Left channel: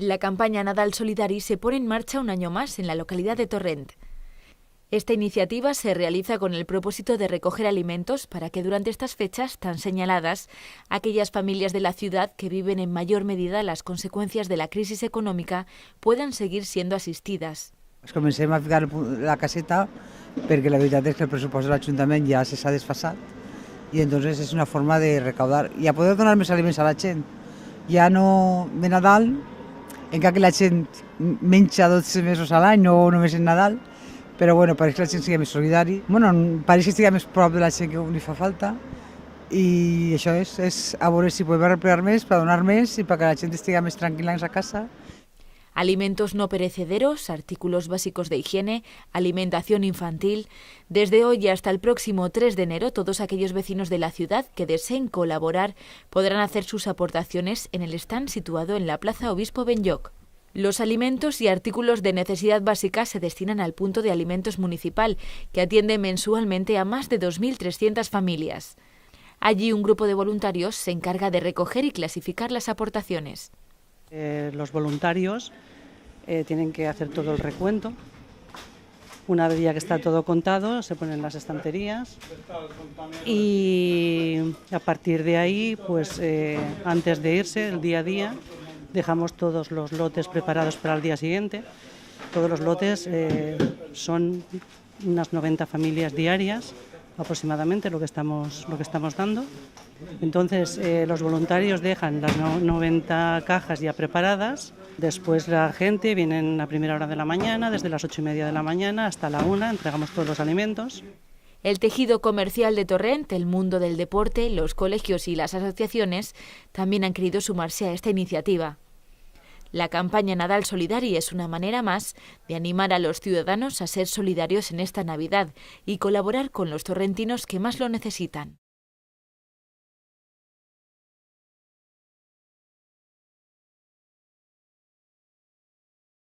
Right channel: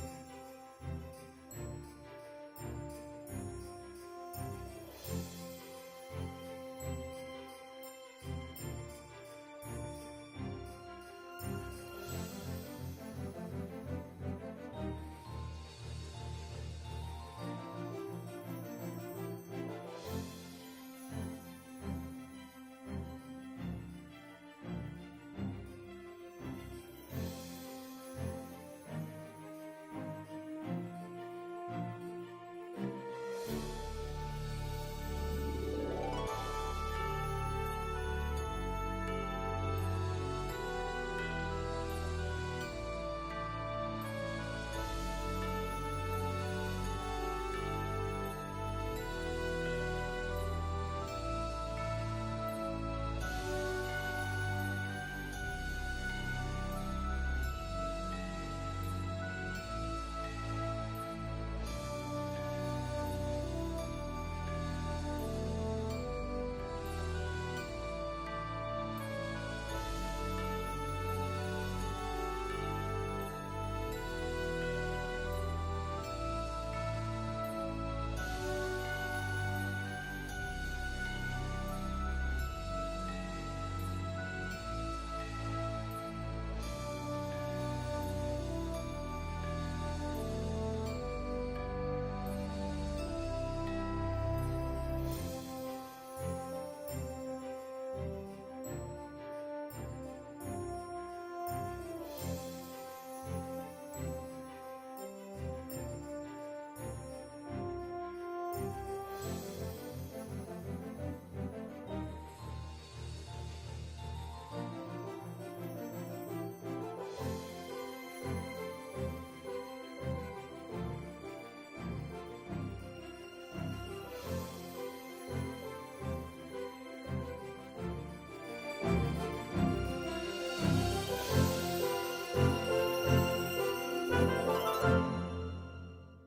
La campaña Nadal Solidari se pone en marcha un año más en la localidad de Torrent. Esta iniciativa se realiza con el propósito de recoger alimentos para que durante estas fechas tan señaladas, aquellas familias de la ciudad que viven en mayor medida las consecuencias de la crisis econòmica puedan seguir siendo asistidas. Comencem a ficar la caseta perquè la veritat és que el pressupost de l'Ajuntament ja s'ha desfasat i entonces és una forma de recaudar i a poder donar més aliments a la gent. Ja no de Nadal, encara que la gent menja 12 mesos a l'any, no només en Nadal, però bueno, pareix que la gent sigui més solidari. Bueno, pareix que estigui més prop de la gent que li fa falta i això és a veure si podem arreglar més, per donar més i perquè la gent estigui més tranquil·la en sa casa. Alimentos no perecederos, artículos básicos de higiene, alimentación infantil. Desde hoy hasta el próximo 3 de enero, todos aquellos vecinos de la ciudad que deseen colaborar podrán hacer sus aportaciones en el stand situado en la Plaza Obispo Benlloch. Los alimentos y artículos de necesidad básica se destinan al punto de alimentos municipal, que atiende mensualmente a más de 2.300 familias. Allí un grupo de voluntarios se encarga de recoger y clasificar las aportaciones. Los voluntarios tienen que hacer todo el recuento. Una vez ya que está todo contado, se ponen las estanterías y a partir de ahí, pues antes de irse, el día a día, dejamos todos los lotes preparados para el día siguiente. Todos los lotes son unas 90 familias diarias aproximadamente lo que estamos dando. Entonces los voluntarios dejan las 90 cajas ya preparadas. Después la gente viene a primera hora de la mañana, desde las 8:30 de la mañana hasta la 1, entregamos todos los alimentos. El tejido comercial de Torrent, el mundo del deporte, los colegios y las asociaciones también han querido sumarse a esta iniciativa. La campaña Nadal Solidari es una manera más de animar a los ciudadanos a ser solidarios en esta Navidad y colaborar con los torrentinos que más lo necesitan.